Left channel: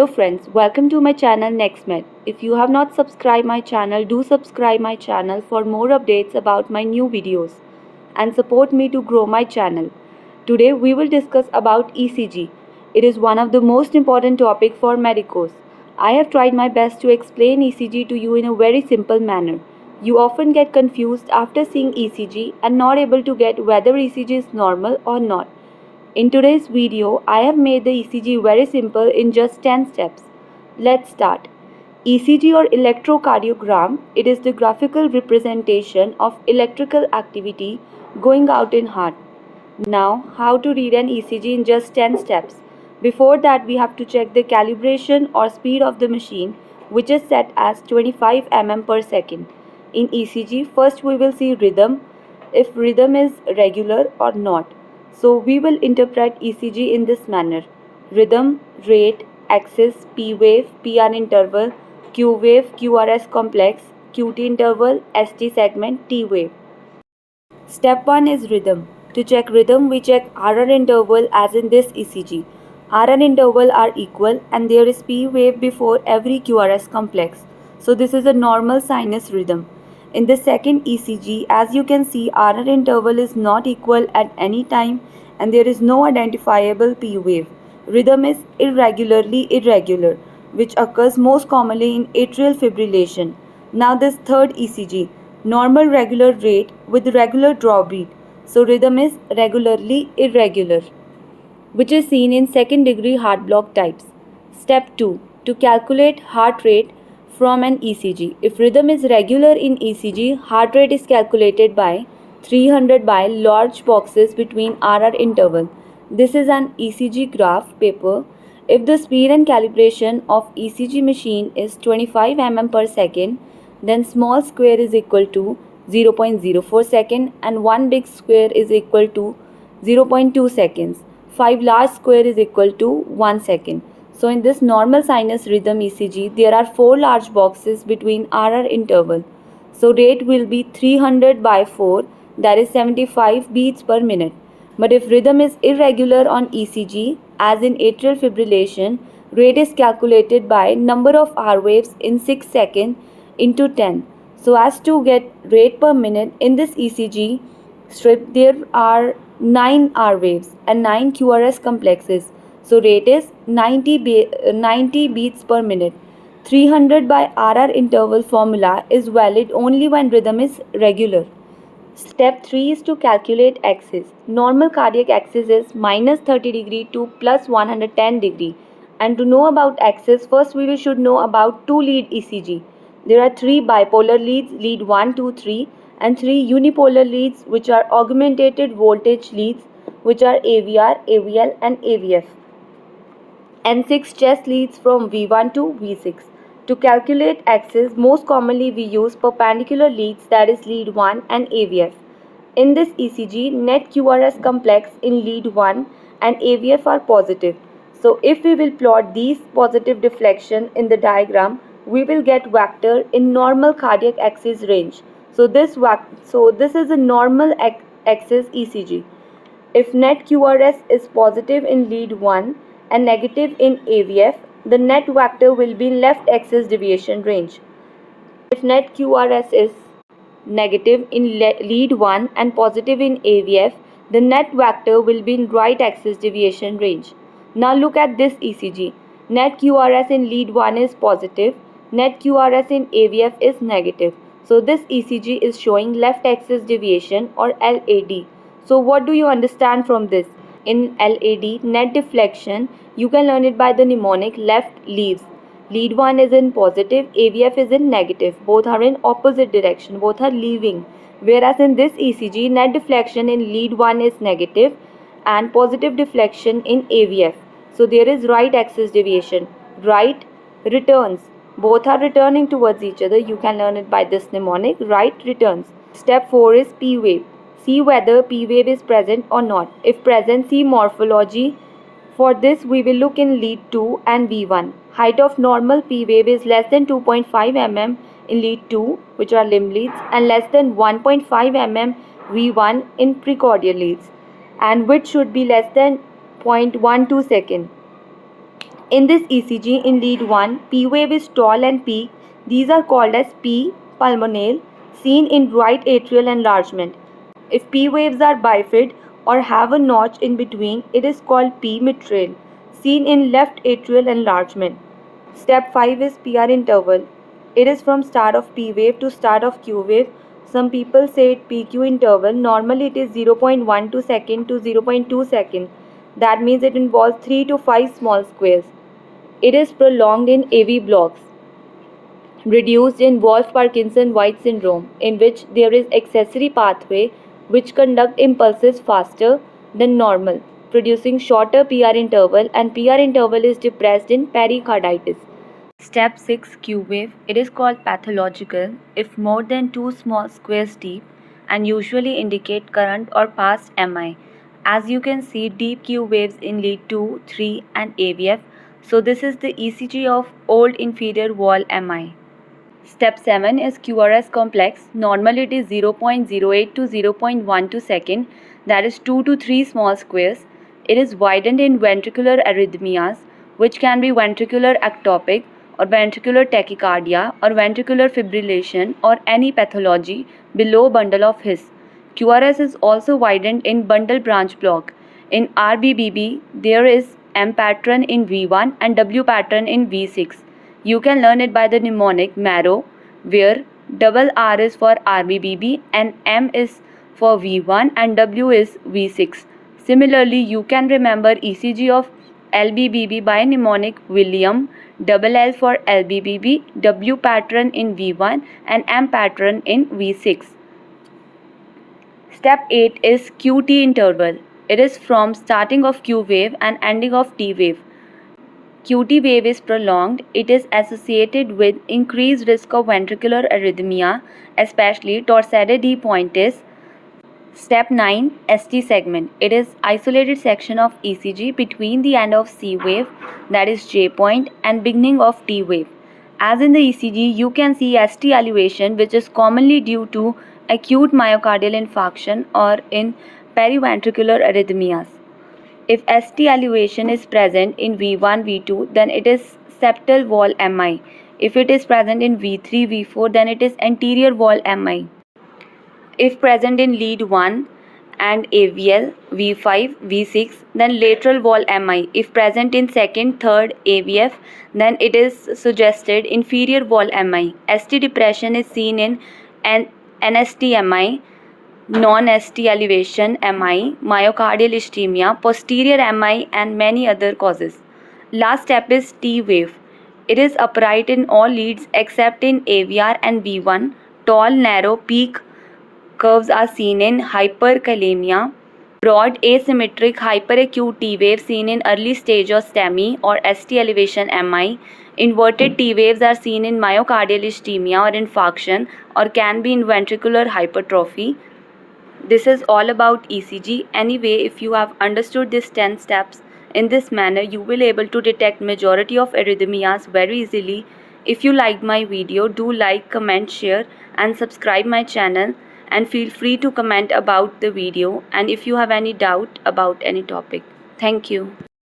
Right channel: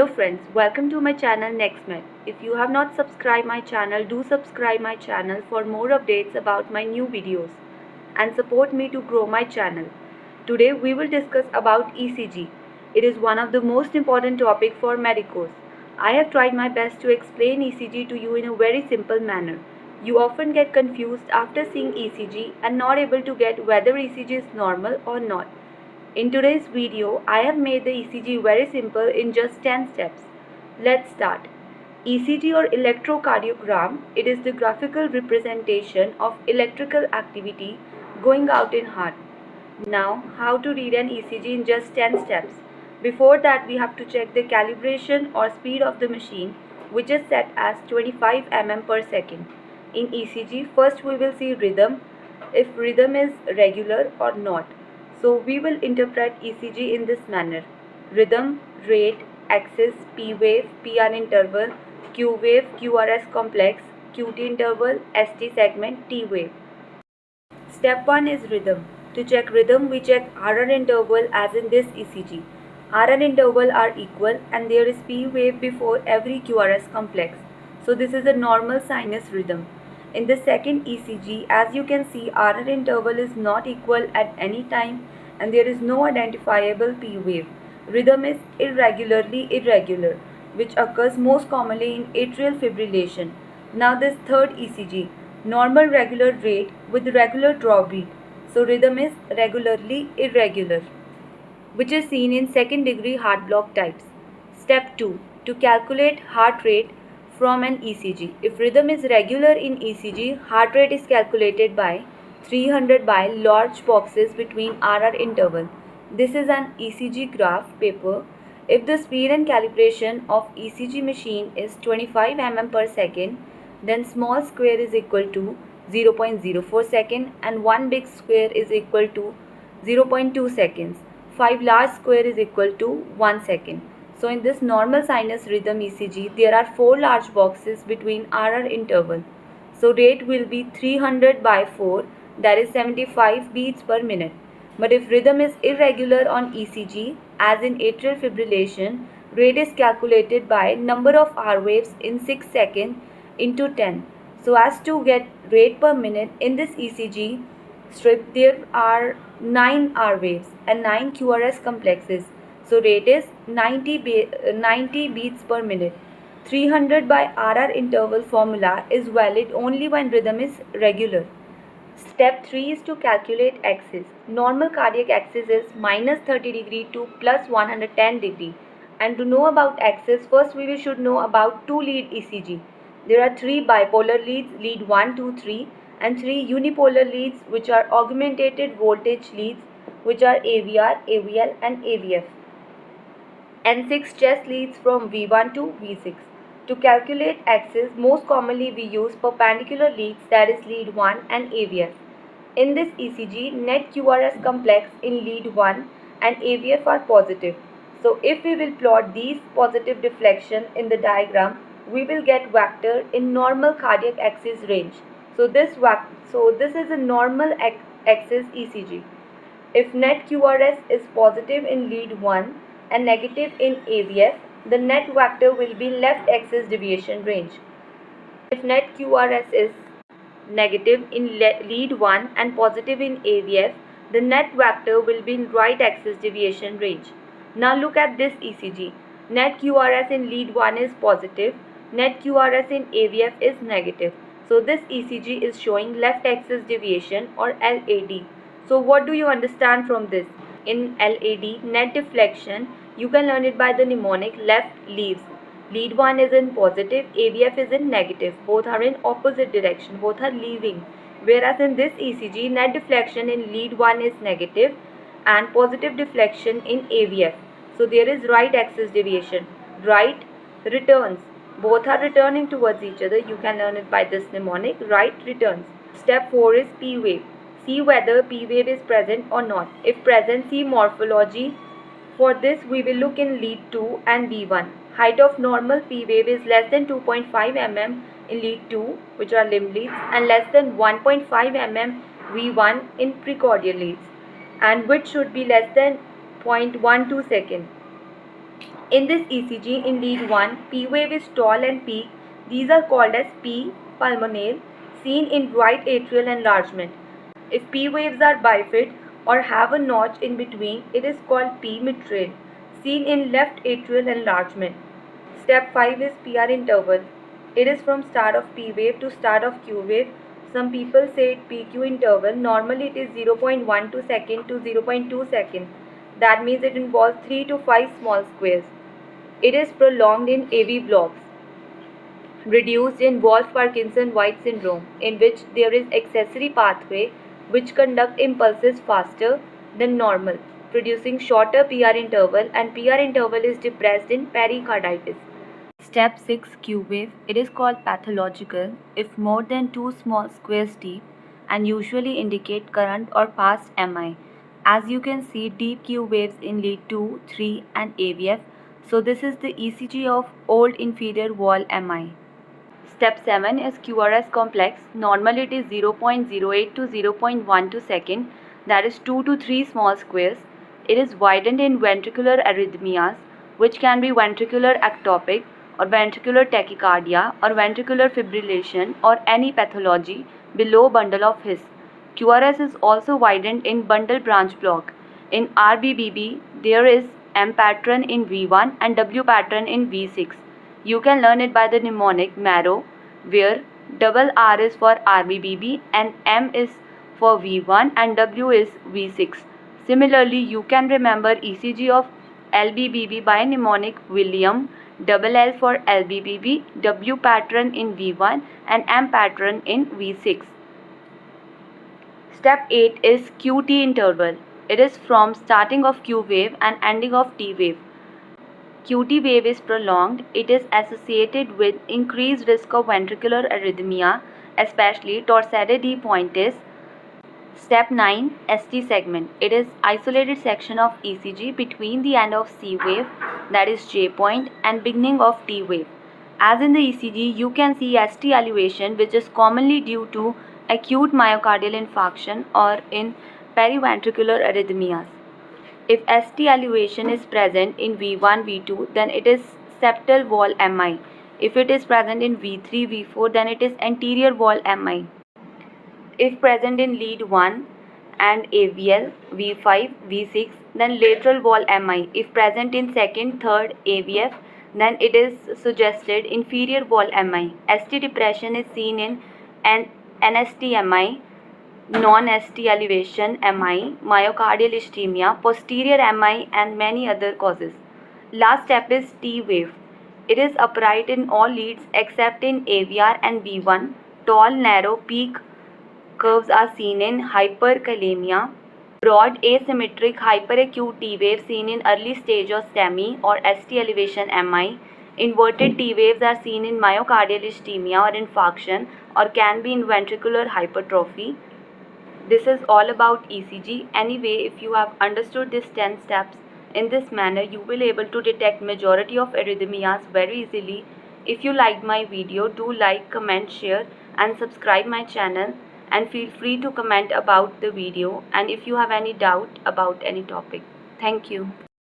Hello friends, welcome to my channel NextMed. If you have not subscribed my channel, do subscribe my channel for more updates about my new videos and support me to grow my channel. Today we will discuss about ECG. It is one of the most important topic for medicos. I have tried my best to explain ECG to you in a very simple manner. You often get confused after seeing ECG and not able to get whether ECG is normal or not. In today's video, I have made the ECG very simple in just 10 steps. Let's start. ECG or electrocardiogram, it is the graphical representation of electrical activity going out in heart. Now, how to read an ECG in just 10 steps. Before that, we have to check the calibration or speed of the machine, which is set as 25 mm per second. In ECG, first we will see rhythm, if rhythm is regular or not. So we will interpret ECG in this manner. Rhythm, rate, axis, P wave, PR interval, Q wave, QRS complex, QT interval, ST segment, T wave. Step 1 is rhythm. To check rhythm, we check RR interval as in this ECG. RR interval are equal and there is P wave before every QRS complex. So this is a normal sinus rhythm. In the second ECG, as you can see, RR interval is not equal at any time and there is no identifiable P wave. Rhythm is irregularly irregular, which occurs most commonly in atrial fibrillation. Now this third ECG, normal regular rate with regular drawbeat. So rhythm is regularly irregular, which is seen in second degree heart block types. Step 2. To calculate heart rate from an ECG. If rhythm is regular in ECG, heart rate is calculated by 300 by large boxes between RR interval. This is an ECG graph paper. If the speed and calibration of ECG machine is 25 mm per second, then small square is equal to 0.04 second and one big square is equal to 0.2 seconds. 5 large square is equal to 1 second. So in this normal sinus rhythm ECG, there are 4 large boxes between RR interval. So rate will be 300 by 4, that is 75 beats per minute. But if rhythm is irregular on ECG, as in atrial fibrillation, rate is calculated by number of R waves in 6 seconds into 10. So as to get rate per minute in this ECG strip, there are 9 R waves and 9 QRS complexes. So rate is 90 beats per minute. 300 by RR interval formula is valid only when rhythm is regular. Step 3 is to calculate axis. Normal cardiac axis is minus 30 degree to plus 110 degree. And to know about axis, first we should know about 2 lead ECG. There are 3 bipolar leads, lead 1, 2, 3, and 3 unipolar leads, which are augmented voltage leads, which are AVR, AVL, and AVF. And 6 chest leads from V1 to V6. To calculate axis, most commonly we use perpendicular leads, that is lead 1 and AVF. In this ECG, net QRS complex in lead 1 and AVF are positive. So if we will plot these positive deflection in the diagram, we will get vector in normal cardiac axis range. So this is a normal axis ECG. If net QRS is positive in lead 1 and negative in AVF, the net vector will be left axis deviation range. If net QRS is negative in lead 1 and positive in AVF, the net vector will be in right axis deviation range. Now look at this ECG. Net QRS in lead 1 is positive, net QRS in AVF is negative. So this ECG is showing left axis deviation or LAD. So what do you understand from this? In LAD, net deflection, you can learn it by the mnemonic left leaves. Lead 1 is in positive, AVF is in negative. Both are in opposite direction, both are leaving. Whereas in this ECG, net deflection in lead 1 is negative and positive deflection in AVF. So there is right axis deviation. Right returns. Both are returning towards each other. You can learn it by this mnemonic, right returns. Step 4 is P wave. See whether P wave is present or not. If present, see morphology. For this, we will look in lead 2 and V1. Height of normal P wave is less than 2.5 mm in lead 2, which are limb leads, and less than 1.5 mm V1 in precordial leads. And width should be less than 0.12 second. In this ECG, in lead 1, P wave is tall and peak. These are called as P pulmonale, seen in right atrial enlargement. If P waves are bifid or have a notch in between, it is called P mitral, seen in left atrial enlargement. Step 5 is PR interval. It is from start of P wave to start of Q wave. Some people say it PQ interval. Normally it is 0.12 second to 0.2 second. That means it involves 3 to 5 small squares. It is prolonged in AV blocks, reduced in Wolff-Parkinson-White syndrome, in which there is accessory pathway which conduct impulses faster than normal, producing shorter PR interval, and PR interval is depressed in pericarditis. Step 6 Q wave. It is called pathological if more than 2 small squares deep and usually indicate current or past MI. As you can see, deep Q waves in lead 2, 3 and AVF. So this is the ECG of old inferior wall MI. Step 7 is QRS complex. Normally it is 0.08 to 0.12 second, that is 2 to 3 small squares. It is widened in ventricular arrhythmias, which can be ventricular ectopic or ventricular tachycardia or ventricular fibrillation or any pathology below bundle of His. QRS is also widened in bundle branch block. In RBBB, there is M pattern in V1 and W pattern in V6. You can learn it by the mnemonic marrow, where double R is for RBBB and M is for V1 and W is V6. Similarly, you can remember ECG of LBBB by mnemonic William, double L for LBBB, W pattern in V1 and M pattern in V6. Step 8 is QT interval. It is from starting of Q wave and ending of T wave. QT wave is prolonged. It is associated with increased risk of ventricular arrhythmia, especially torsade de pointes. Step 9 ST segment. It is isolated section of ECG between the end of C wave, that is J point, and beginning of T wave. As in the ECG, you can see ST elevation, which is commonly due to acute myocardial infarction or in periventricular arrhythmias. If ST elevation is present in V1, V2, then it is septal wall MI. If it is present in V3, V4, then it is anterior wall MI. If present in lead 1 and AVL, V5, V6, then lateral wall MI. If present in second, third AVF, then it is suggested inferior wall MI. ST depression is seen in NST-MI, non-ST elevation MI, myocardial ischemia, posterior MI and many other causes. Last step is T wave. It is upright in all leads except in AVR and V1. Tall, narrow peak curves are seen in hyperkalemia. Broad asymmetric hyperacute T wave seen in early stage of STEMI or ST elevation MI. Inverted T waves are seen in myocardial ischemia or infarction or can be in ventricular hypertrophy. This is all about ECG. Anyway, if you have understood these 10 steps in this manner, you will able to detect majority of arrhythmias very easily. If you liked my video, do like, comment, share and subscribe my channel, and feel free to comment about the video and if you have any doubt about any topic. Thank you.